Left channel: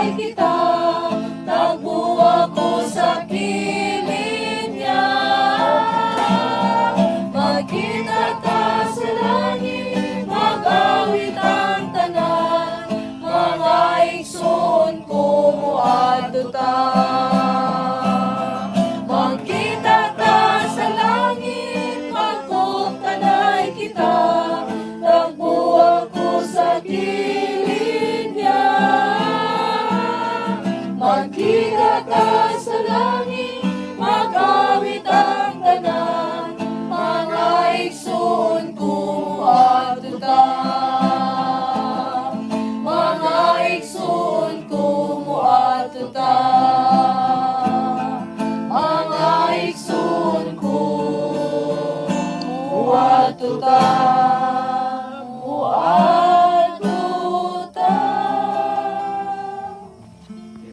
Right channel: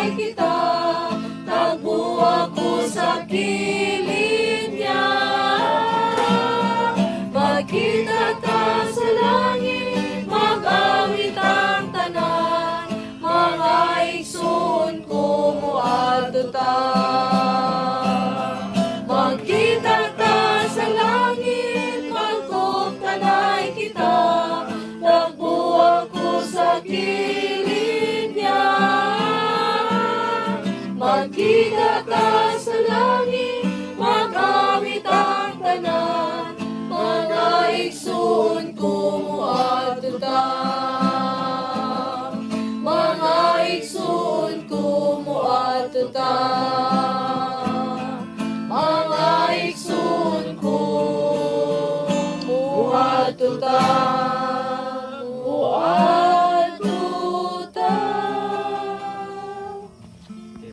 tanay kita, tagpo ako sa kilid niya. Magkita ta sa langit, mag-awit ang tanan, mga igsoon ko mo adto ta. Magkita ta sa langit, magkuptanay kita, tagpo ako sa kilid niya. Magkita ta sa langit, mag-awit ang tanan, mga igsoon ko adto ta. Mga igsoon ko mo adto ta. Mga igsoon ko mo adto ta.